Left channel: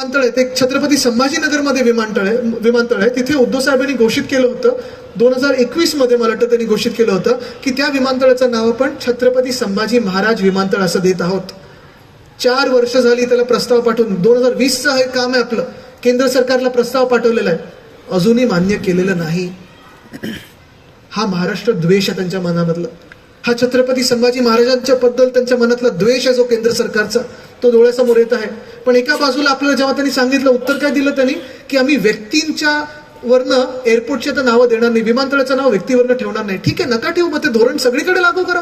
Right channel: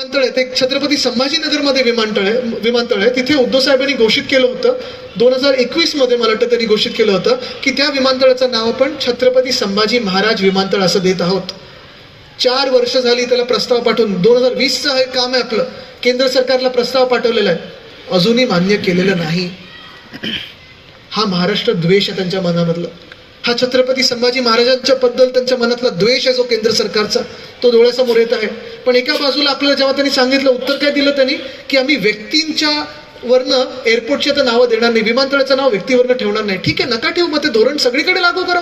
विमानतळ आहे. ते छत्रपती संभाजीनगरमध्ये विमानतळ आहे. विमानतळ आहे. तिथे उद्धव साहेबांनी घोषित केलं होतं. दोन हजार एकवीसमध्ये मला वाटतं त्यांनी घोषित केलं होतं की त्या विमानतळाचं नाव आपण छत्रपती संभाजी महाराज विमानतळ असं देत आहोत. चार वर्ष झाली त्याला प्रस्ताव पाठवून. दोन हजार वीसचं हे काम आहे आपलं. केंद्र सरकारला प्रस्ताव पाठवलेला आहे. अजूनही मान्य केलेलं नाही. हा महाराष्ट्र द्वेष आहे त्यांच्या मनामधला. हा छत्रपती संभाजी महाराजांच्या बद्दल त्यांच्या मनातला द्वेष आहे जो केंद्र सरकारचा तो डोळ्यासमोर येत आहे. पण एका बाजूला आपल्याला जेव्हा त्यांनी सांगितलं उत्तर काय दिलं त्यांनी? की आम्ही व्यक्तींच्या वरनं एअरपोर्टचे तर नावं देणार नाही विमानतळाचं नाव व्यक्तीवरनं ठेवणार नाही. ठीक आहे नका ठेवू मग ते धोरण सगळीकडे लागू करा.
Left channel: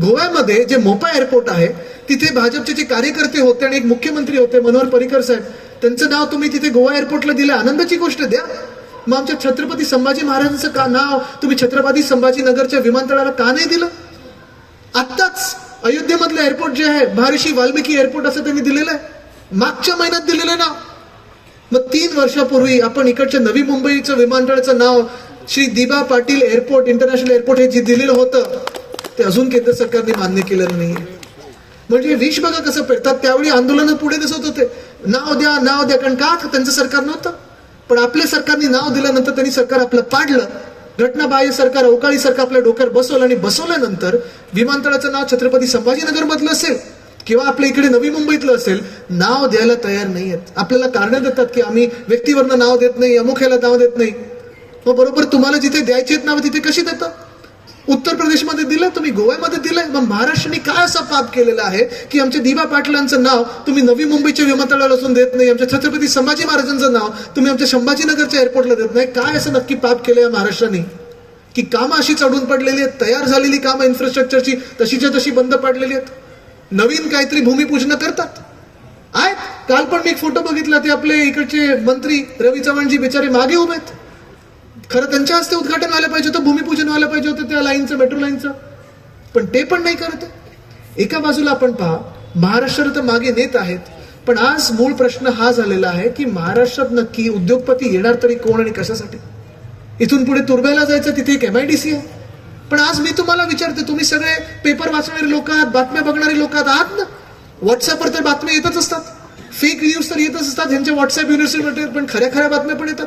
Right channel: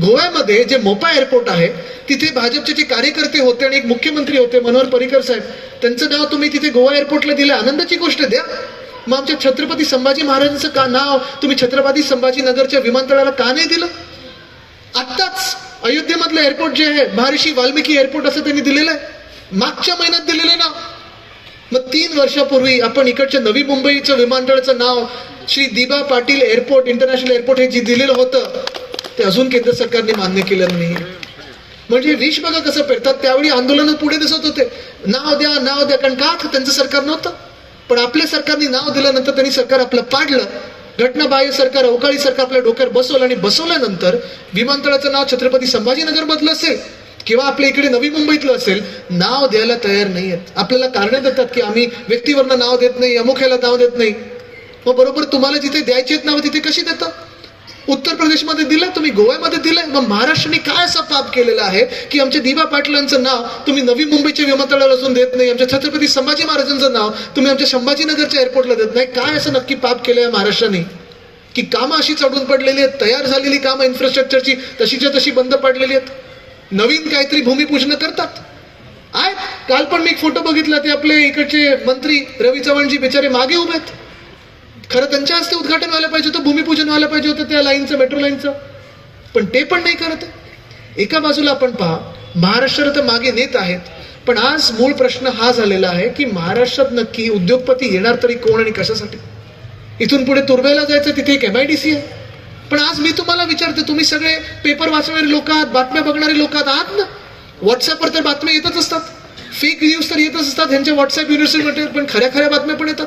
गोव्यामध्ये जे मोपा एअरपोर्ट आहे तिथे भाजपचे जे कार्यकर्ते होते आणि एक मुख्यमंत्री होते मनोहर पर्रिकर साहेब त्यांचं नाव तुम्ही तिथे गोवा एअरपोर्टला दिलं. आनंदाची गोष्ट द्या. मग आमच्या छत्रपती संभाजी महाराजांचं का नाव तुम्ही छत्रपती संभाजीनगरच्या विमानतळाला का नाही दिलं? आत्ताच अयोध्येमधलं एअरपोर्ट जे आहे महर्षी वाल्मिकी एअरपोर्ट असं त्यांनी दिलेलं आहे. मागच्या महिन्यात दिलेलं ना मग तीन वर्षापूर्वी आपण इकडच्या नवी मुंबईचं विमानतळाचं नाव श्री दिबा पाटील एअरपोर्ट इंटरनॅशनल एअरपोर्ट हे जे दिलेलं होतं ते अजून केंद्र सरकारने मान्य केलं नाही. म्हणजे विष बघा कसं पेरतात. त्यावेळी आंदोलन पुढे दिसत होते. नाव द्या नाव द्या कारण का त्यांचं सरकार नव्हतं? पण आपल्या सरकारने नाव दिल्यानंतर त्यांनी सरकार आपलं पाडलं. घटनाबाह्य सरकार अवकाळी सरकार आपल्या डोक्यावर बसवलं आणि बसवल्यानंतर विमानतळाचं नाव छत्रपती संभाजीनगर मधलं असेल किंवा आपल्या इकडे नवी मुंबईतलं असेल नाव द्यायला तयार नाही आहेत. आपल्याला कारणं देतात की आम्ही व्यक्तीवरनं नाव देत नाही अमुख्याला नाव देत नाही. मग बरोबर तुम्हाला जिथे द्यायची आहेत नावं तिथे कशी देतात? उत्तर प्रदेशमध्ये दिलं तुम्ही गोव्यामध्ये दिलं मग महाराष्ट्राने काय असं पाप केलेलं आहे की आमच्या दिवा पाटलांचं नाव तुम्ही नवी मुंबईच्या विमानतळाला असून देत नाही आमच्या छत्रपती संभाजी महाराजांचं नाव तुम्ही आमच्या संभाजीनगरच्या एअरपोर्टला देत नाही? काय असं नक्की पाप केलं आहे महाराष्ट्राने? की कामं अशी चढून पडलेली आहेत तयार झालेली कामं इन्फ्रास्ट्रक्चरची तशीच्या तशी बंद पडलेली आहेत. नवीन काहीतरी भूमिपूजन करतात. आहेत. काल पण मी एक फोटो बघितला ते आपले इकडचे मंत्री रवी चव्हाणजी बिचारे मागे उभे आहेत. खरं त्यांच्या हस्ते उद्घाटन व्हायला पाहिजे होतं भूमिपूजन व्हायला पाहिजे होतं त्या लाईनचं मेट्रो लाईनचं. पण ते पण नाही करत. एका बाजूला आपण पहा महाराष्ट्र तर मागे नेत आहेत पण आज मूळ प्रश्न हा झालेला आहे की महाराष्ट्रात नक्की उद्योगपती येणार तरी कोण आणि कशासाठी? इथून पुढे तुर्भ्याला जायचं तिथे एक एम आय डी सी आहे. पण आज मी तुम्हाला विचारते तुम्ही सगळे पेपर वाचणारे लोक आहात बातम्या बघणारे लोक आहात आहात ना? व्हॉट्सअपवर तर बातम्या येतच असतात. फेक न्यूज तर येतच असतात ह्यांच्या व्हॉट्सअप युनिव्हर्सिटीमध्ये पण खऱ्या खऱ्या बातम्या पण येतात.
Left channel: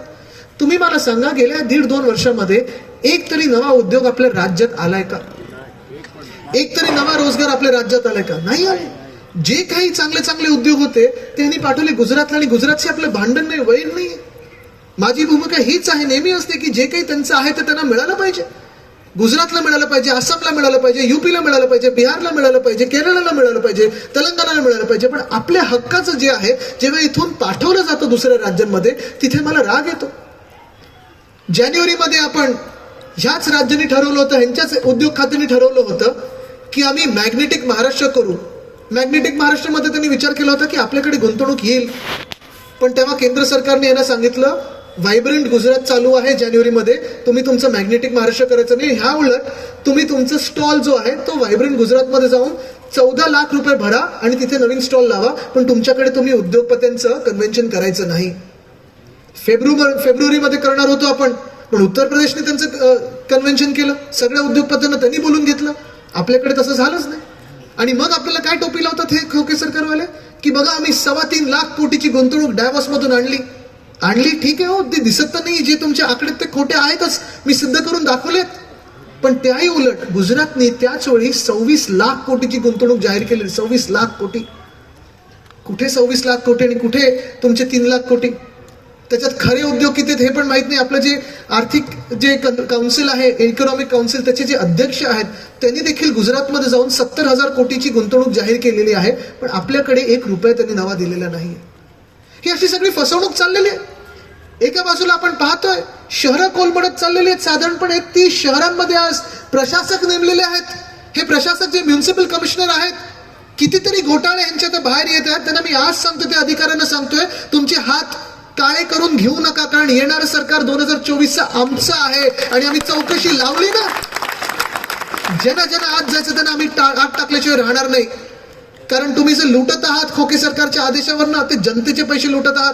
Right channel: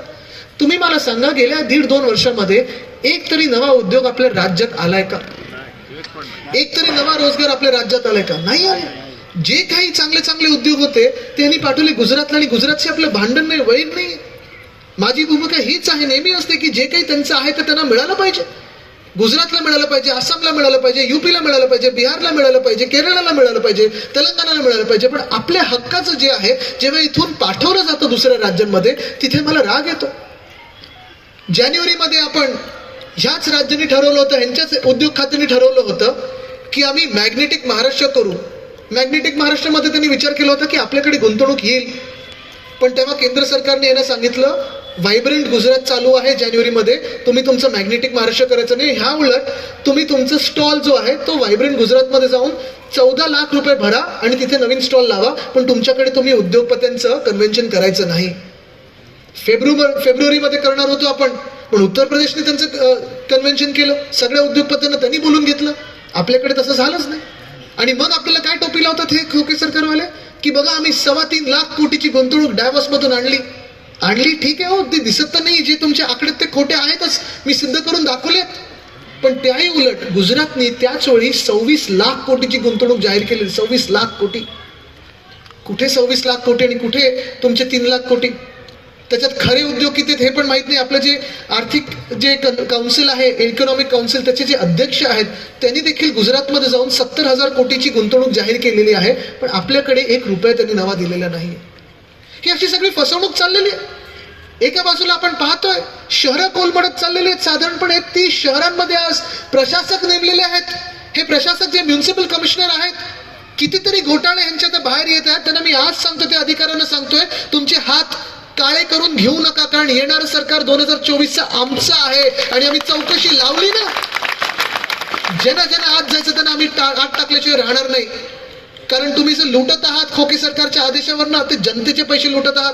तुम्ही मला सांगा गेल्या दीड दोन वर्षामध्ये एक तरी नवा उद्योग आपल्या राज्यात आलाय का? एक तरी नवा रोजगार आपल्या राज्यात आलाय का? नाही आले जे काही चांगले चांगले उद्योग होते त्यांनी पाठवले गुजरातला आणि गुजरातचे आपलं भांडण नाही वैर नाही. माझी भूमिका हीच आहे नेहमी असते की जे काही त्यांचं आहे ते त्यांना मिळालं पाहिजे. गुजरातला मिळालं पाहिजे आसामला मिळालं पाहिजे युपीला मिळालं पाहिजे बिहारला मिळालं पाहिजे केरळला मिळालं पाहिजे तेलंगणाला मिळालं पाहिजे पण आपल्या हक्काचं जे आहे जेव्हा इथून पाठवलं जातं दुसऱ्या राज्यांमध्ये तिथे मला राग येतो. जानेवारीमध्ये आपण ह्याच राज्यांनी ठरवलं होतं ह्यांच्याच उद्योग खात्याने ठरवलं होतं की आम्ही मॅग्नेटिक महाराष्ट्र करू. मॅग्नेटिक महाराष्ट्रामध्ये त्यांनी विचार केला होता की आपल्याकडे गुंतवणूक येईल. पण तेव्हा केंद्र सरकारने यांना सांगितलं व्हायब्रंट गुजरात चालू आहे जानेवारीमध्ये तुम्ही तुमचं मॅग्नेटिक महाराष्ट्र करायचं नाही. ह्या उलट तुम्ही तुमचं स्टॉल जो आहे तो व्हायब्रंट गुजरातमध्ये जाऊन चौदा लाख रुपये भरा आणि तिथे नवीन स्टॉल लावा पण तुमच्याकडे तुम्ही उद्योगपत्यांचं कन्व्हेन्शन करायचं नाही. फेब्रुवारी फेब्रुवारीमध्ये करणार होतो आपण. पण उत्तर प्रदेशने त्यांचं कन्व्हेन्शन केलं. सगळ्या उद्योगपतींना त्यांनी बोलून घेतलं. आपल्याकडे तसं झालंच नाही. आणि मग आपल्याला काय टोपी लावतात हे खोके सरकारवाले? की बघा आम्ही सव्वा तीन लाख कोटीची गुंतवणूक डॅवॉसमधून आणली. आणली ठीक आहे हो ते दिसत तर नाही. जे तुमच्या आकडेत ते खोटे आहेतच. मी सिद्ध करून दाखवलेत. पण त्याही उलट गुजरातने त्याच वेळी सव्वीस लाख कोटीची गुंतवणूक जाहीर केली सव्वीस लाख कोटी. कुठे सव्वीस लाख कोटी आणि कुठे तुमचे तीन लाख कोटी? त्याच्यात खरे उद्योग किती आहेत हे पण माहीत नाही. आपलं जे आर्थिक जे काउन्सिल आहे इकॉनॉमिक काउन्सिल त्याचे जे अध्यक्ष आहेत त्यांनी देखील गुजरातमध्ये जाऊन सत्तर हजार कोटीची गुंतवणूक जाहीर केलेली आहे पण आपल्याकडे एक रुपया त्यांनी नवा दिलेला नाही ही अशी सगळी फसवणूक चाललेली आहे. एका बाजूला आपण पाहतोय शहरं कोलमडत चाललेली आहेत. साधारणपणे ती शहरांमध्ये आज प्रशासक नेमलेले आहेत. हे प्रशासक जे म्युन्सिपल कमिशनर आहेत कितीतरी घोटाळे यांच्या ते बाहेर येत आहेत. त्यांना मी आज सांगतो ते अधिकाऱ्यांना सांगतोय तुमचे हात काळे करून घेऊ नका कारण येणारं सरकार दोन हजार चोवीसचं आमचं आहे आणि आम्ही चौकशी लावली ना. ज्यांना ज्यांना आत जायचं त्यांना आम्ही आत टाकल्याशिवाय राहणार नाही. कारण तुम्ही जे लुटत आहात खोके सरकारच्या आदेशावर ना ते जनतेचे पैसे लुटत आहात.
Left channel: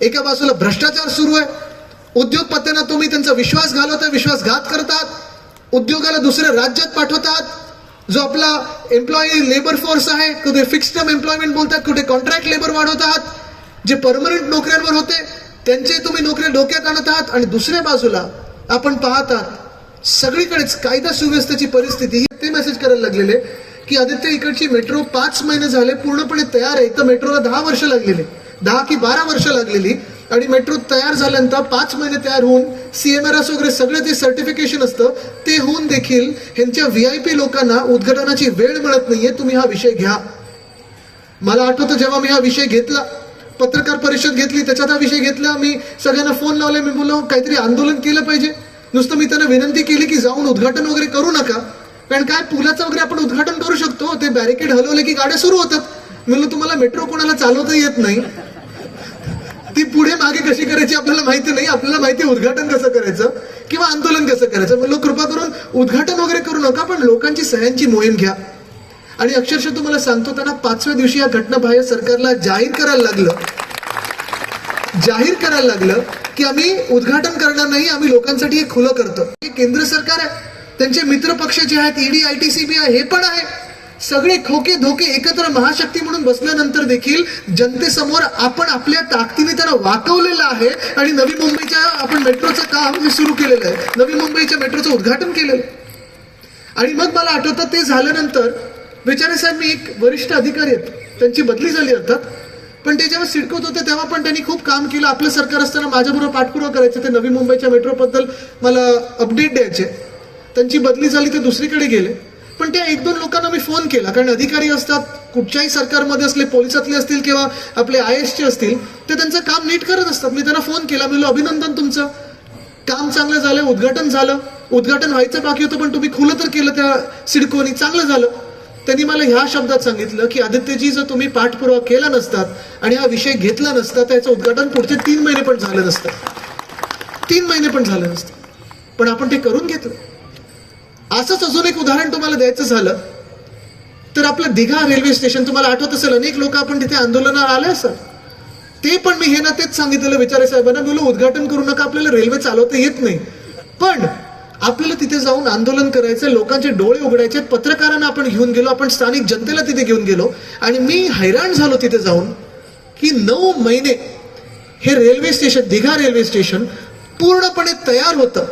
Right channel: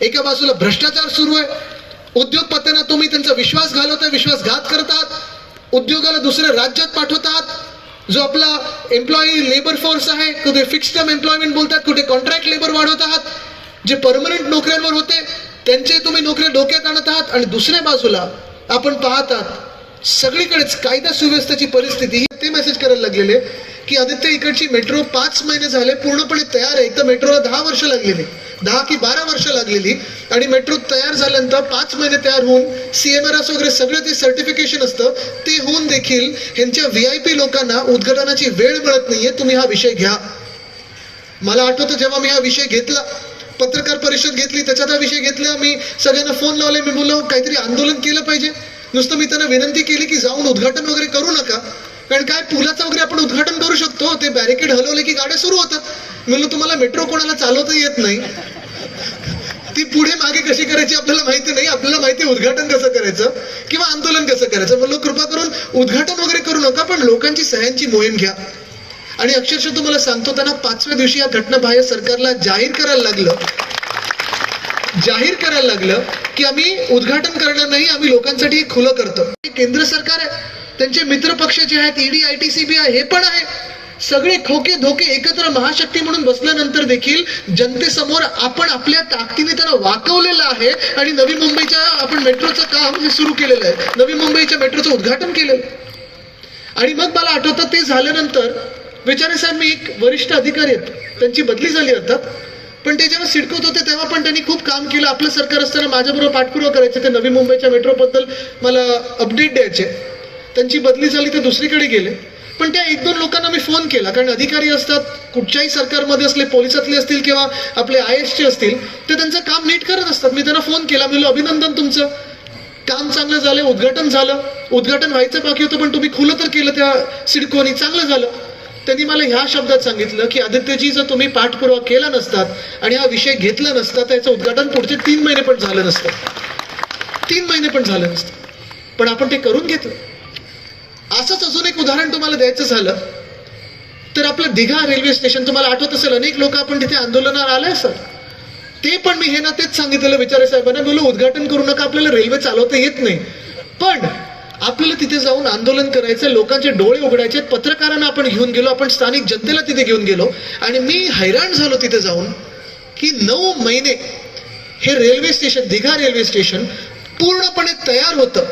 एका बाजूला भ्रष्टाचार सुरू आहे. उद्योगपत्यांना तुम्ही त्यांचा विश्वास घालवताय विश्वासघात करत आहात. उद्योगाला दुसऱ्या राज्यात पाठवतात जो आपला एम्प्लॉई लेबर फोर्स आहे कुठे फिक्स टर्म एम्प्लॉयमेंट बोलतात कुठे कॉन्ट्रॅक्ट लेबर वाढवत आहात. जे परमनंट नोकऱ्यांवर होते त्यांचे तुम्ही नोकऱ्या डोक्यात आणत आहात आणि दुसऱ्या बाजूला आपण पाहतात सगळीकडेच कायदा सुव्यवस्थेची परिस्थिती ही ते मेसेज करायला लागलेले की आदित्य इकडची मेट्रो पाच महिने झाले पूर्णपणे तयार आहे. तर मेट्रोला दहा वर्ष लागलेली दहा की बारा वर्ष लागलेली आणि मेट्रो तयार झाल्यानंतर पाच महिने तयार होऊन सी एम आर एस वगैरे सगळं ते सर्टिफिकेशन असतं ते होऊन देखील ह्यांच्या व्ही आय पी लोकांना उद्घाटनाची वेळ मिळत नाहीये. तुम्ही हा विषय घ्या. मला आठवतं जेव्हा मी हा विषय घेतला पत्रकार परिषद घेतली त्याच्यात हा विषय घेतला. मी सगळ्यांना फोन लावले मी बोललो काहीतरी आंदोलन केलं पाहिजे. नुसतं मी त्यांना विनंती केली की जाऊन उद्घाटन वगैरे करू नका. कारण काय? पुलाचं वगैरे आपण उद्घाटन करू शकतो. ते बॅरिकेड हलवले की गाड्या सुरू होतात. म्हणलं तुम्हाला मेट्रो कोणाला चालवता येत नाही? ती पुढे मागे कशी करायची आपल्याला माहिती नाही. आपल्याला माहिती उद्घाटन कसं करायचं किंवा आंदोलन कसं करायचं. म्हणलं कृपा करून उद्घाटन वगैरे करू नका पण लोकांची सह्यांची मोहीम घ्या. आणि अक्षरशः तुम्हाला सांगतो त्यांना पाचव्या दिवशी या घटनाबाह्य सरकारला जाहीर करायला लागलं. जाहीर करायला लागलं की आम्ही उद्घाटन करणार नाही आम्ही लोकांसाठी हे खुलं करतो. हे केंद्र सरकार आहे. त्यांचे मित्र पक्ष जे आहेत ED I T C B आहे हे पण आहे. सगळे खोके धोके एकत्र महाशक्ती म्हणून बसल्यानंतर देखील जनतेसमोर आपण आपल्या ताकदीने त्यांना वाकवलेलं आहे आणि नवी मुंबईच्या आपण मेट्रोचं काम हे सुरू केलेलं आहे. नवी मुंबईच्या मेट्रोचं उद्घाटन केलेलं आणि मग मला आठवतं ते झाल्यानंतर बेचारे साहेब मी एक वरिष्ठ अधिकारी आहेत. त्यांची बदली झाली अर्थात. पण ते जेव्हा सिडकोत होते तेव्हा पण त्यांनी खूप काम केलं. आपलं सरकार असताना माझ्याबरोबर पाठपुरावा करायचे ते नवी मुंबईच्या मेट्रोबद्दल मला अपडेट द्यायचे. त्यांची बदली झाली ते दुसरीकडे गेले. पण त्या एक दोन लोकांना मी फोन केला. कारण अधिकारी असतात कुठच्याही सरकारमध्ये असले पोलिसातले असतील किंवा आपले आय एसचे असतील ते त्यांचं काम नीट करत असतात. मी त्यांना फोन केला. मी म्हणलं, अभिनंदन तुमचं. काम चांगलं झालं उद्घाटन झालं. उद्घाटन व्हायचं बाकी होतं पण तुम्ही खुलं तर केलं त्या सिडकोनी. चांगलं झालं. त्यांनी मला ह्या शब्दात सांगितलं की आदित्यजी जर तुम्ही पाठपुरावा केला नसतात आणि हा विषय घेतला नसता त्याचं उद्घाटन पुढचे तीन महिने पण झालं नसतं. तीन महिने पण झालं नसतं. पण आपण ते करून घेतलं. असंच अजून एक उदाहरण तुम्हाला द्यायचं झालं तर आपलं दिघा रेल्वे स्टेशन तुम्हाला आठवत असेल अनेक लोक आपण तिथे आंदोलनाला आले असतात. ते पण मी हे ना तेच सांगितलेलं विचारे साहेबांना बोललो उद्घाटन करू नका आपल्याला रेल्वे चालवता येत नाही. पण आपल्याला तिथे जाऊन आंदोलन करायचं लोकांचे डोळे उघडायचे पत्रकारांना आपण घेऊन गेलो आपण स्थानिक जनतेला तिथे घेऊन गेलो. आणि मी हैराण झालो तिथे जाऊन की नऊ महिने हे railway station Digha railway station पूर्णपणे तयार होतं.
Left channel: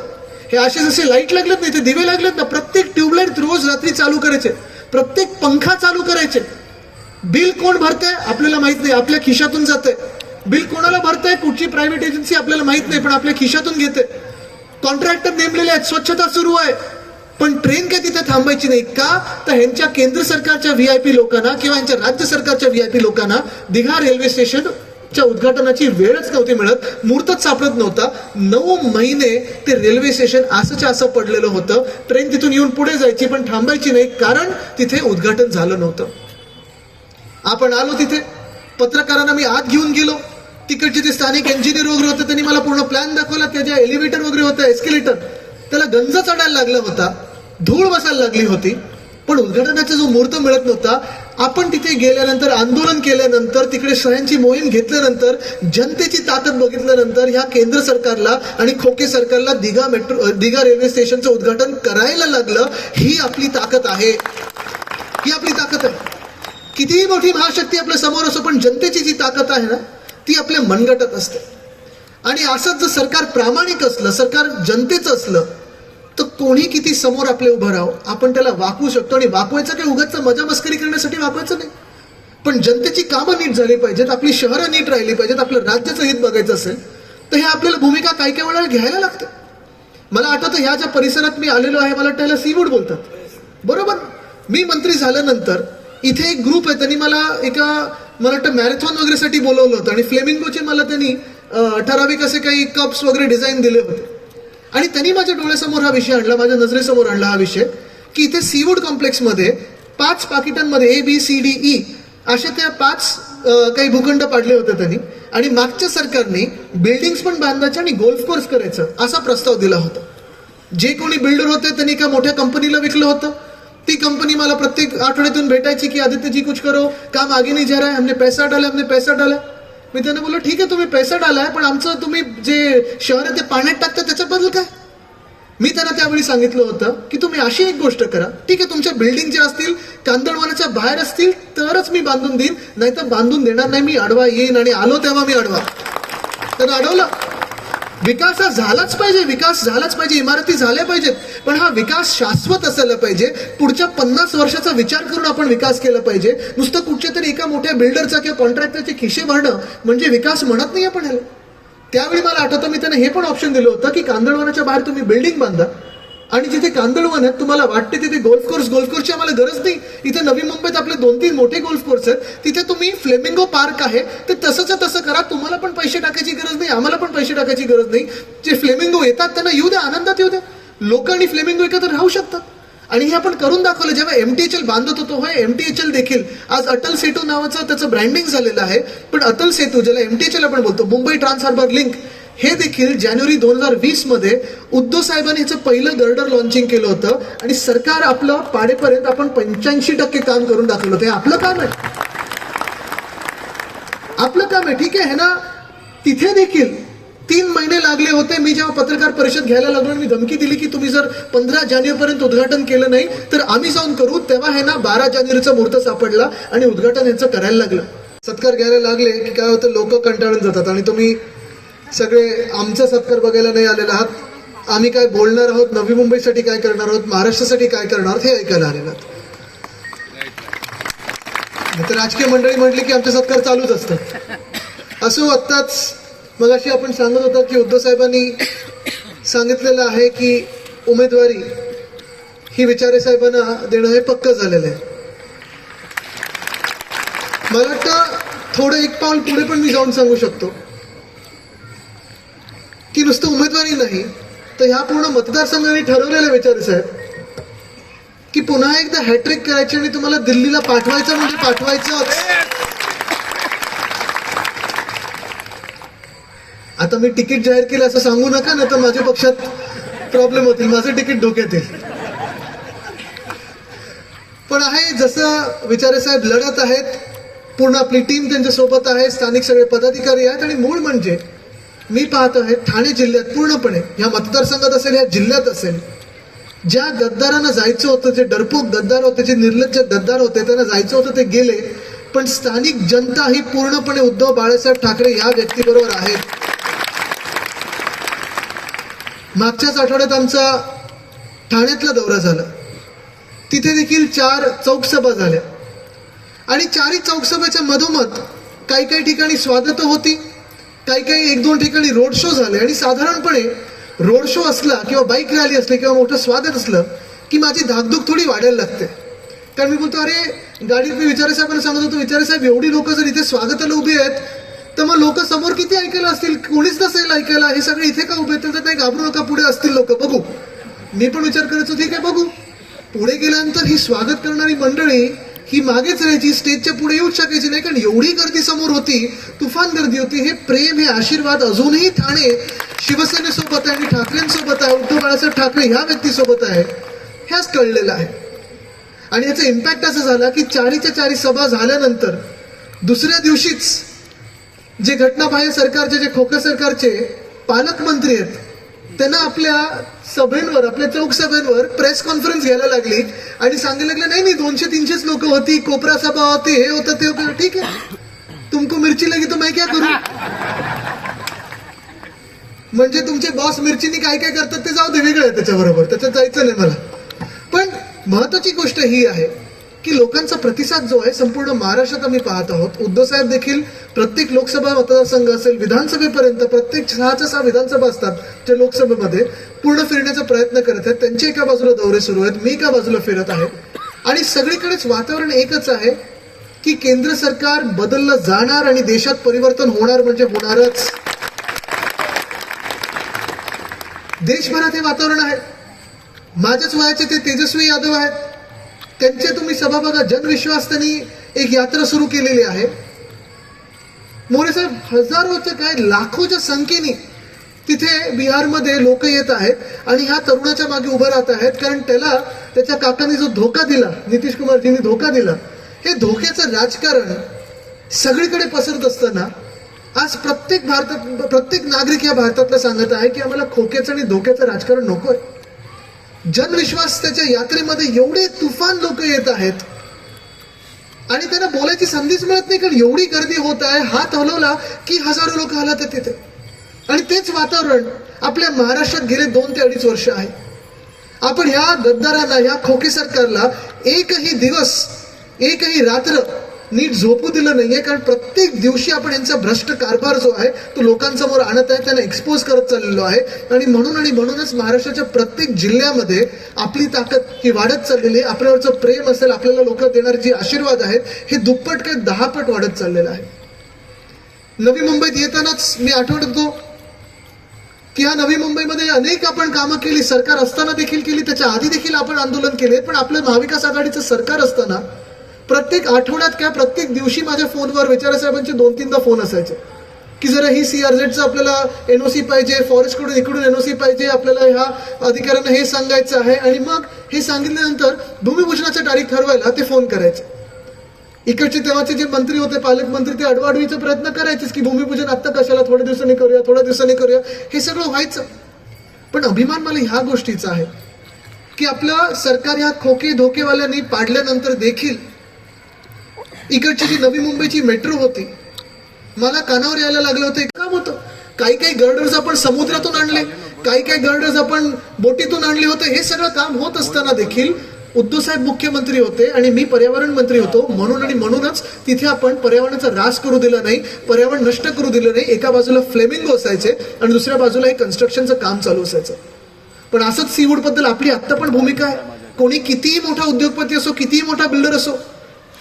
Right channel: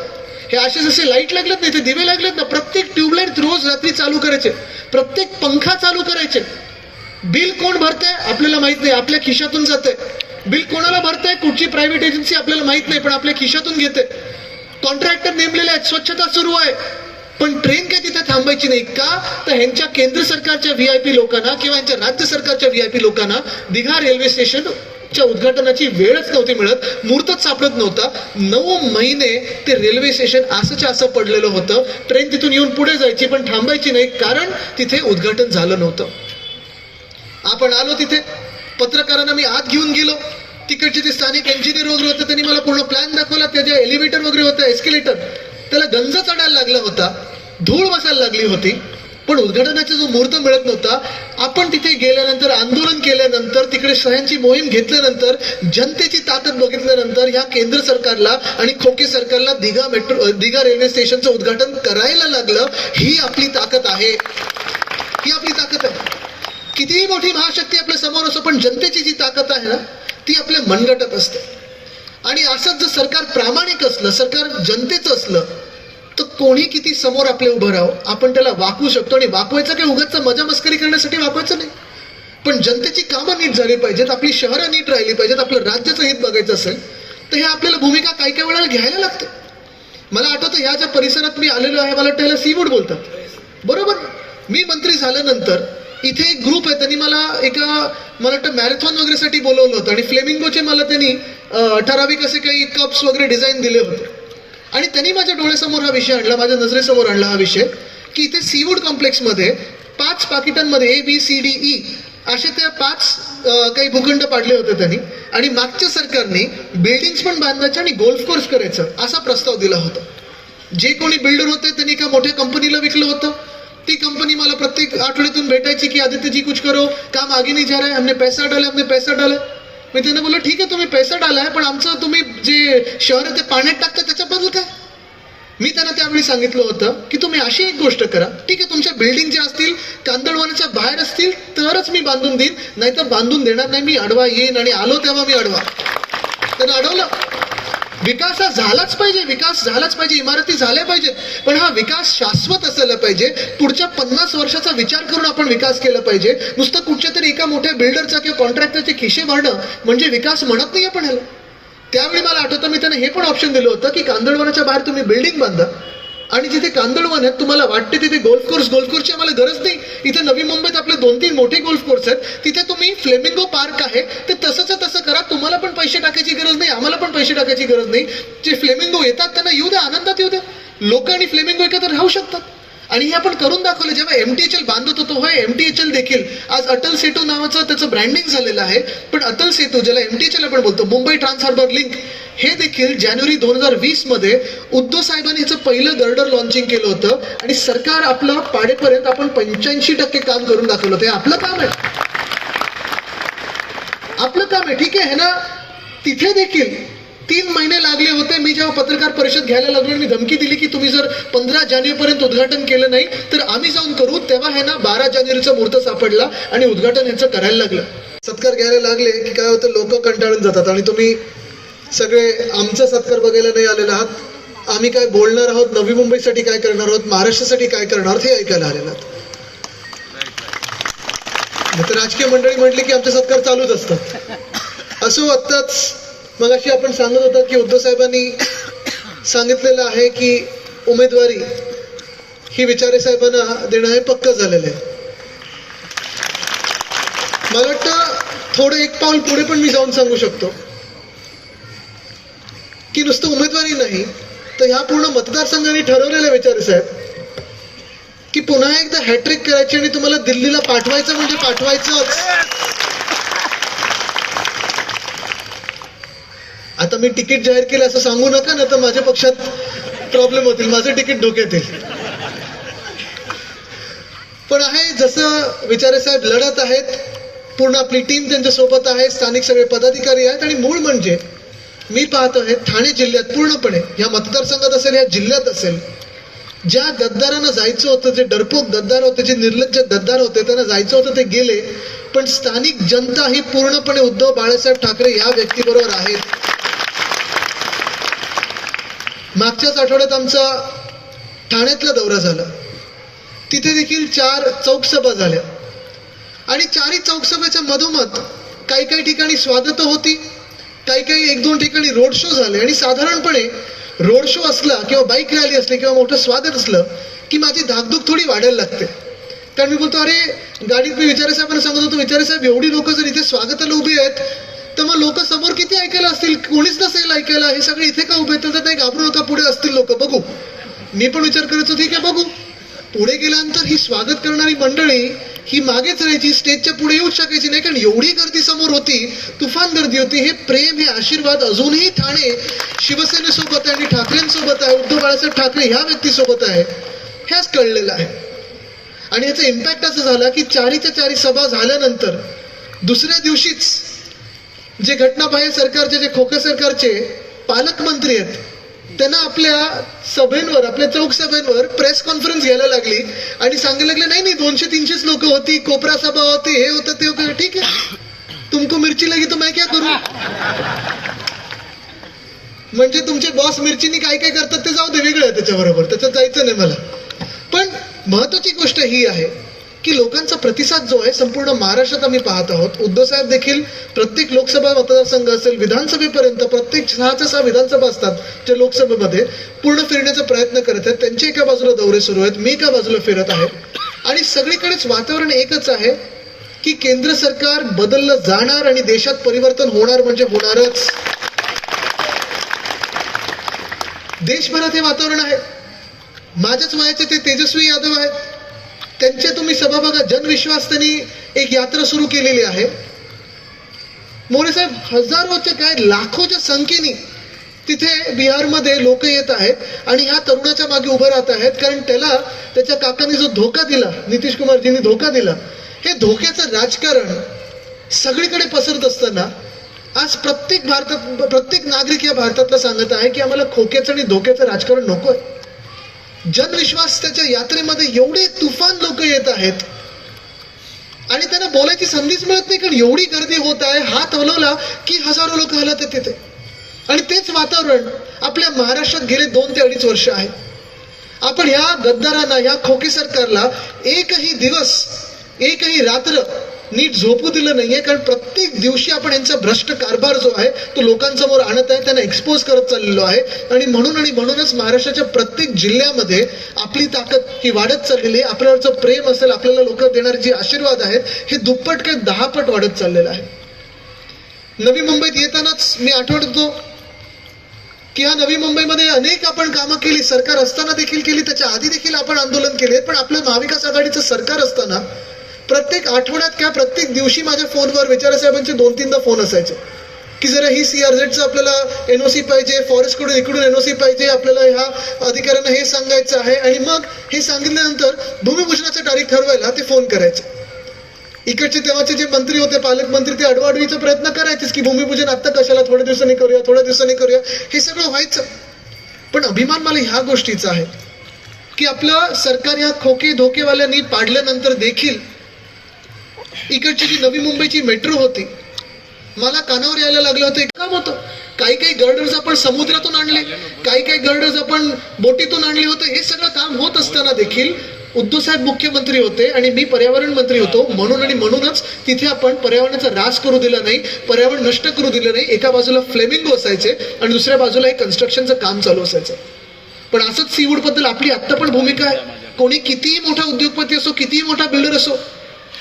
हे असे जसे लाइट लागलेत नाही ते दिवे लागलेत ना प्रत्येक ट्यूबलाईट रोज रात्री चालू करायचे प्रत्येक पंखा चालू करायचे. बिल कोण भरतंय आपल्याला माहीत नाही आपल्या खिशातून जाते बिल कोणाला भरतंय कुठची प्रायव्हेट एजन्सी आपल्याला माहीत नाही पण आपल्या खिशातून घेते कॉन्ट्रॅक्टर नेमलेले आहेत. स्वच्छता सुरू आहे. पण ट्रेन काय तिथे थांबायची नाही का? तर ह्यांच्या केंद्र सरकारच्या व्ही आय पी लोकांना किंवा यांच्या राज्य सरकारच्या व्ही आय पी लोकांना दिघा रेल्वे स्टेशन च्या उद्घाटनाची वेळच नव्हती मिळत. मुहूर्तच सापडत नव्हता. नऊ महिने ते रेल्वे स्टेशन असंच्या असं पडलेलं होतं. ट्रेन तिथून येऊन पुढे जायची पण थांबायची नाही कारण तिथे उद्घाटन झालं नव्हतं. आपण आलो तिथे. पत्रकारांना मी आत घेऊन गेलो. तिकडचे ते स्थानिक इंजिनियर वगैरे होते त्यांनी मला पूर्ण प्लॅन दाखवला. त्याच्या एलिव्हेटर वगैरे होतं एस्केलेटर त्याला गंज चढायला लागला होता. धूळ बसायला लागली होती. पण उद्घाटनाचा जो मुहूर्त मिळत नव्हता आपण तिथे गेल्यानंतर आंदोलन केल्यानंतर तिकडे सह्यांची मोहीम घेतल्यानंतर जनतेची ताकद बघितल्यानंतर ह्या केंद्र सरकारला आणि खोके सरकारला दिघा मेट्रो दिघा रेल्वे स्टेशनचं उद्घाटन करायला लागलं ही आपली ताकद आहे. ही आपली ताकद आहे. कितीही मोठी महाशक्ती आपल्यासमोर असो पण जनतेची जी ताकद आहे ना ती आपल्या मनगटत असते. आणि असंच जर सरकार प्रामाणिक असलं सरकार जनतेचं असलं तर कोणी किती समोर आपले उभं राहावं? आपण त्याला वाकवू शकतो आणि वाकवायचं काही उगाच मजा मस्करी करण्यासाठी वापरायचं नाही. पण जनतेची कामं नीट झाली पाहिजेत आपली शहरं नीट राहिली पाहिजेत आपलं राज्याचं हित बघायचं असेल तर हे आपल्याला भूमिका काही काही वेळेला घ्यायला लागते. मला आठवतं ह्या ज्या परिसरात मी आलेलो आहे मला वाटतं ह्याला सीवूड बोलतात. बरोबर? मी मंत्री झाल्यानंतर इथे एक ग्रुप आहे त्यांनी मला एका मला वाटतं मॅरेथॉन वगैरेसाठी बोलवलं होतं आणि फ्लेमिंगोचे मला त्यांनी ठराविक असे काही कप्स वगैरे डिझाईन दिले होते. आणि त्यांनी माझ्या डोळ्यासमोर हा विषय आणला माझ्या नजरेसमोर आणला हा विषय की इथे सीवूड कॉम्प्लेक्समध्ये पाच पाकिटांमध्ये A B C D E असे त्या पाच काही भूखंड पाडले होते त्यांनी. आणि मागच्या सरकारने बिल्डिंग्स पण बांधायचे आणि गोल्फ कोर्स करायचं असा प्रस्ताव दिला होता. जे कोणी बिल्डर होते त्यांनी एका मोठ्या कंपनीला विकलं होतं. ती कंपनी मला प्रत्येक आठवड्यातून भेटायची की आदित्य जी कुछ करो. काम आगे नाही जा रहा है. हमने पैसा डाला हमने पैसा डाला. मी त्यांना बोललो ठीक आहे तुम्ही पैसा डालाय पण आमचं तुम्ही जे शहर आहे ते पाण्यात टाकता त्याच्याबद्दल काय? मी त्यांना त्यावेळी सांगितलं होतं की तुम्ही अशी एक गोष्ट करा. ठीक आहे तुमच्या बिल्डिंग ज्या असतील कांदळवानाच्या बाहेर असतील तरच मी बांधून देईन. नाहीतर बांधून देणार नाही मी अडवा येईन आणि आलो तेव्हा मी अडवा. त्यांना अडवलं. विकास हा झालाच पाहिजे विकास झालाच पाहिजे इमारती झाल्या पाहिजेत. पण हा विकास शाश्वत असायला पाहिजे. पुढच्या पन्नास वर्षाचा विचार करून आपण विकास केला पाहिजे. नुसतं कुठच्या तरी एका मोठ्या बिल्डरचा किंवा कॉन्ट्रॅक्टरचे खिशे भरणं म्हणजे विकास म्हणत नाही आपण ह्याला. त्यावेळी मला आठवतं मी त्यांना हे पण ऑप्शन दिलं होतं की कांदळवनाच्या बाहेर तुम्ही बिल्डिंग बांधा. आणि जिथे कांदळवन आहेत तुम्हाला वाटते तिथे गोल्फ कोर्स गोल्फ कोर्सची आम्हाला गरज नाही. इथे नवी मुंबईत आपले दोन तीन मोठे गोल्फ कोर्स आहेत. तिथे तुम्ही फ्लेमिंगो पार्क आहे. ते तसंच तसं करा. तुम्हाला पण पैसे टाकायची गरज नाही. आम्हाला पण पैसे टाकायची गरज नाही. जे फ्लेमिंगो येतात त्यांना येऊ द्या आनंदात येऊ द्या. लोक आणि फ्लेमिंगो एकत्र राहू शकतात. आणि हे आपण करून दाखवलं. जेव्हा एम टी एच एल बांधत होतो होय एम टी एच एल देखील. आज अटल सेतू नावाचं त्याचं ब्रँडिंग झालेलं आहे. पण अटल सेतू ज्याला एम टी एच एल आपण बोलतो मुंबई ट्रान्स हार्बर लिंक हे देखील जानेवारी दोन हजार वीसमध्ये उद्धव साहेबांनी ह्याचं पहिलं गर्डर लॉन्चिंग केलं होतं आणि सरकार आपलं पाडेपर्यंत आपण पंच्याऐंशी टक्के काम करून दाखवलं होतं. हे आपलं काम आहे. आपलं काम आहे. ठीक आहे हे ना तिथे देखील तीन महिने लागले होते. मी जेव्हा पत्रकार परिषद घ्यायला लागलो आणि मी धमकी दिली की तुम्ही जर पंधरा जानेवारीपर्यंत उद्घाटन केलं नाही तर आम्ही जाऊन करू. तेव्हा हे ना बारा जानेवारीचा मुहूर्त सापडला आणि उद्घाटन ह्याचं करायला लागलं. सत्कार घ्यायला लागले की काय होतं लोक कंटाळून जातात. आणि तुम्ही सगळे आमचा सत्कार बघायला नाही आलेला आहात. आम्ही काय बोलणार आहोत? नवी मुंबईसाठी काय करणार आहोत? महाराष्ट्रासाठी काय करणार आहोत? हे ऐकायला आलेलं आहात. तर राजकीय मंडळी म्हटली की आमचे सत्कार चालूच असतात. असं आत्ताच मग अशी आपण सांगत होतो की उद्धव साहेबांनी सांगितलेलं आहे की उमेदवारी ही विचारे साहेबांना देणं हे पक्क झालेलं आहे. मला वाटतं थोडं एक पाऊल पुढे पण मी जाऊन सांगू शकतो. की नुसतं उमेदवारी नाही तर ह्या पूर्ण मतदारसंघाने ठरवलेलं विचार साहेब की पुन्हा एकदा हॅट्रिक करायची आणि तुम्हाला दिल्लीला पाठवायचं म्हणजे पाठवायचंच. आता मी तिकीट जाहीर केलं असं सांगू नका ना तर माझ्या पक्षात प्रॉब्लेम होतील माझं तिकीट डोक्यात येईल. पण आहे जसं विचारे साहेब लढत आहेत पूर्ण आपली टीम त्यांच्यासोबत आहे स्थानिक सगळे पदाधिकारी आहेत आणि मूळ म्हणजे मी पाहतो हे ठाणे जिल्ह्यात पूर्णपणे या मतदारसंघात असेल या जिल्ह्यात असेल ज्या गद्दारांना जायचं होतं जे डरपोक गद्दार होते जे निर्लज्ज गद्दार होते त्यांना जायचं होतं ते गेले. पण स्थानिक जनता ही पूर्णपणे उद्धव बाळासाहेब ठाकरे या व्यक्तीबरोबर आहेत. मागच्याच आठवड्यात आमचा ठाण्यातला दौरा झाला. तिथे देखील चार चौकसभा झाल्या. आणि चारही चौकसभेच्या मधोमध काही काही ठिकाणी स्वागत होती. काही काही एक दोन ठिकाणी रोड शो झाले आणि साधारणपणे रोड शो असला किंवा बाईक रॅली असली किंवा मोठं स्वागत असलं की माझी धाकधूक थोडी वाढायला लागते. कारण मी बोलतो अरे गाडीत मी विचारे साहेबांना सांगत होतो विचारे साहेब एवढी लोक जर इथे स्वागताला उभी आहेत तर मग लोक समोर किती ऐकायला असतील? कोणीच नसेल ऐकायला हे सगळे इथे का उभे तर नाही घाबरू नका पुढे असतील लोक बघू. मी पण विचार करायचो ठीक आहे बघू. पुढे गेल्यानंतर ही स्वागत करणारी मंडळी ही मागेच राहायची स्टेजच्या पुढे येऊच शकायची नाही कारण एवढी गर्दी समोर होती तुफान गर्दी होती हे प्रेम हे आशीर्वाद अजूनही ठाणे शिवसेनेसोबत आहे आणि ठाकरेंसोबत आहे उद्धव बाळासाहेब ठाकरे ह्या व्यक्तीसोबत आहे ह्याच कळलेलं आहे. आणि याचा इम्पॅक्ट असं झाला की चारीच्या चारी सभा झाल्यानंतर दुसऱ्या दिवशीच जे घटनाबाह्य सरकारचे जे खोके सरकारचे पालकमंत्री आहेत त्यांना आपल्या सभेंवर आपल्या चौक सभेंवर प्रेस कॉन्फरन्स घ्यायला लागली आणि सांगायला लागले नाही नाही दोनशे तीनशेच लोक होती कोपरा सभा होते हे होतं ते होतं. ठीक आहे. तुमको मिरची लगी तो मैं क्या करू? म्हणजे तुमचे बॉस मिरचीनी काय काय करतात ते जाऊ दे वेगळं आहे त्याच्याबरोबर त्याच्यात जायचं नाही मला. पण महत्वाची गोष्ट ही आहे की लोकांचा प्रतिसाद जो आहे संपूर्ण महाराष्ट्रात आम्ही पाहत आहोत. उद्धव साहेब देखील प्रत्येक लोकसभा मतदारसंघ असेल विधानसभेपर्यंत प्रत्येक सहाच्या सहा विधानसभा असतात जे लोकसभेमध्ये पूर्ण फिरण्याचा प्रयत्न करत आहेत. त्यांचे एका बाजूला दौरे सुरू आहेत मी एका बाजूला फिरत आहे. आणि सगळीकडेच वातावरण एकच आहे की केंद्र सरकार बदललं जाणार आणि देशात परिवर्तन होणार म्हणजे होणारच. देशभरात हे वातावरण आहे. माझ्याच वयाचे ते तेजस्वी यादव आहेत. त्यांचे तुम्ही सभा बघा जनविश्वास त्यांनी एक यात्रा सुरू केलेली आहे. मोरे साहेब हजारोच्या काय लाखोच्या संख्येने तिथे बिहारमध्ये लोक येत आहेत आणि ह्या तरुणाच्या मागे उभं राहत आहेत कारण त्याला त्याच्या काकांनी जो धोका दिला नितीश कुमारजींनी धोका दिला हे धोक्याचं राजकारण सगळीकडे पसरत असताना आज प्रत्येक भारतात प्रत्येक नागरिक या भारतातला सांगत आहे की आम्हाला खोक्याचं आणि धोक्याचं राजकारण नको आहे जनविश्वास त्याच्या यात्रेमध्ये एवढे तुफान लोक येत आहेत. आणि त्यांना बोलायची संधीच मिळत नाही कारण एवढी गर्दी होत आहे हात हलवला की हजारो लोक हलत तिथे. आणि तेच वातावरण आपल्या महाराष्ट्रात गेले दोन ते अडीच वर्ष आहे. आपण ह्या गद्दारांना ह्या खोके सरकारला एकही दिवस एकही रात्र नीट झोपू दिलं नाहीये कारण प्रत्येक दिवशी आपण यांचा भ्रष्ट कारभार जो आहे तो लोकांसमोर आणत आहे त्यांना एक्सपोज करत चाललेलो आहे. आणि म्हणून आणि म्हणूनच महाराष्ट्राच्या प्रत्येक जिल्ह्यामध्ये आपली ताकद ही वाढत चाललेली आहे. आपल्यावरचं प्रेम असेल आपल्याला लोक देणारे जे आशीर्वाद आहेत हे दुप्पट काय दहापट वाढत चाललेलं आहे. नवी मुंबईत येतानाच मी आठवतो की ह्या नवी मुंबईमध्ये अनेक आपण कामं केली सरकार असताना देखील केली त्याच्या आधी देखील आपण आंदोलन केले पण आपलं महाविकास आघाडीचं सरकार असताना प्रत्येक आठवड्यात किंवा प्रत्येक दिवशी माझ्या फोनवर विचारा साहेबांचे दोन तीनदा फोन असायचे. की जरा ही सी आर झेडचं आपल्याला एन ओ सी पाहिजे फॉरेस्टकडून इकडून एन ओ सी पाहिजे आपल्याला ह्या अधिकाऱ्यांना हे सांगायचं आहे आणि मग हे सांगितल्यानंतर भूमिभूषणाचा तारीख ठरवायला ते फोन करायचे. इकडचे तेव्हाचे जे मंत्री होते पालकमंत्री ते अडवाडवीचा प्रयत्न करायचेच की भूमिपूजन आत्ता कशाला थोड्या दिवसांनी करूया थोड्या दिवसांनी करूया हे सगळं व्हायचं. पण अभिमान मला ह्या गोष्टीचा आहे की आपलं सरकार ह्या खोके धोकेवाल्यांनी पाडल्यानंतर देखील इकडची जी नवी मुंबईची मेट्रो होती मला कानावर यायला लागलं होतं एक काम होतं. काही काही गर्डर्स आपण समुद्रातून आणले काही काही गर्डर्स आपण बोटीतून आणले होते हे सगळं काम होत असताना देखील उद्धव साहेब मुख्यमंत्री होते आणि मी पर्यावरण मंत्री होतो. म्हणून आणि म्हणूनच तिथे आपण पर्यावरणाचा रास करू दिला नाही पर्यावरण नष्ट करू दिलं नाही एका बाजूला फ्लेमिंगो असायचे आणि दुसऱ्या बाजूला हे कन्स्ट्रक्शनचं काम चालू असायचं. पण असंच सीवूडबद्दल आपली आत्ता पण भूमिका आहे. कोणी कितीही मोठा उद्योगपती असो कितीही मोठा बिल्डर असो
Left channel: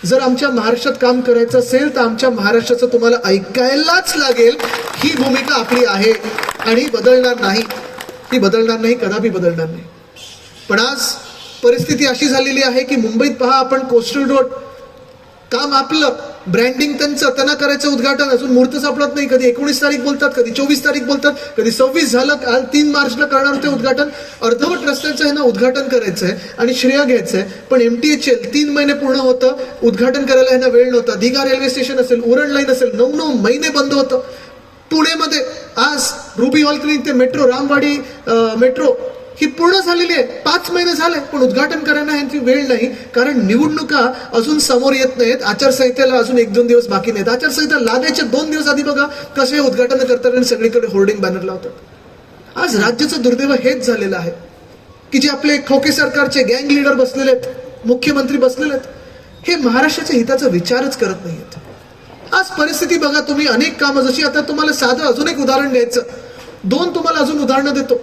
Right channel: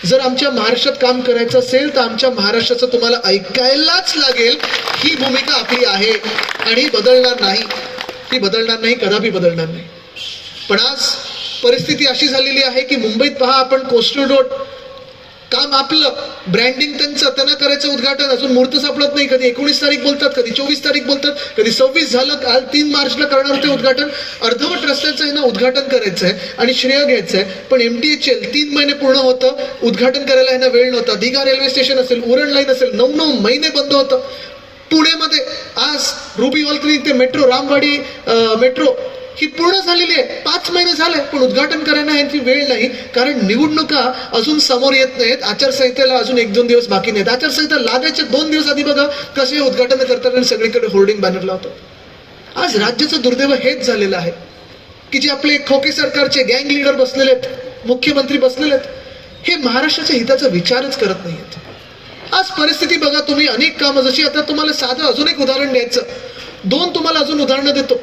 जर आमच्या महाराष्ट्रात काम करायचं असेल तर आमच्या महाराष्ट्राचं तुम्हाला ऐकायलाच लागेल. ही भूमिका आपली आहे आणि बदलणार नाही. ती बदलणार नाही कदापि बदलणार नाही. पण आज परिस्थिती अशी झालेली आहे की मुंबईत पहा आपण कोस्टल रोड काम आपलं. ब्रँडिंग त्यांचं त्यांना करायचं उद्घाटन अजून मुहूर्त सापडत नाही. कधी एकोणीस तारीख बोलतात कधी चोवीस तारीख बोलतात कधी सव्वीस झालं काल तीन मार्चला करणार ते उद्घाटन. अर्धवट रस्त्याचं ह्यांना उद्घाटन करायचं आहे आणि श्रेय घ्यायचं आहे. पण एम टी एच एल तीन महिने पूर्ण होतं. उद्घाटन करायला ह्यांना वेळ नव्हता. दिघा रेल्वे स्टेशन असेल उरण लाईन असेल नऊ नऊ महिने बंद होतं. पुण्यामध्ये आज रुबी हॉल क्लिनिक ते मेट्रो रामवाडी मेट्रो ही पूर्ण झालेली आहे. पाच महिने झाले पण उद्घाटन करायला यांची वेळ नाही. कारण निवडणुका अजून समोर येत नाहीत. आचारसंहितेला अजून एक दोन दिवस बाकी नाहीत. आचारसंहिता लादायच्या दोन दिवस आधी बघा कसे उद्घाटन करतात आणि सगळीकडे होर्डिंग बॅनर लावतात आज राज्याचं दुर्दैव हेच झालेलं आहे. की जे आपले खोके सरकारचे गँग लीडर बसलेले आहेत मुख्यमंत्री बसलेले आहेत हे महाराष्ट्राच्या हिताचा विचारच करत नाहीत आज परिस्थिती बघा तुम्ही अनेक कामं जशी आता तुम्हाला साधं अजून एक उदाहरण द्यायचं. दोन तुम्हाला अजून उदाहरणं देतो.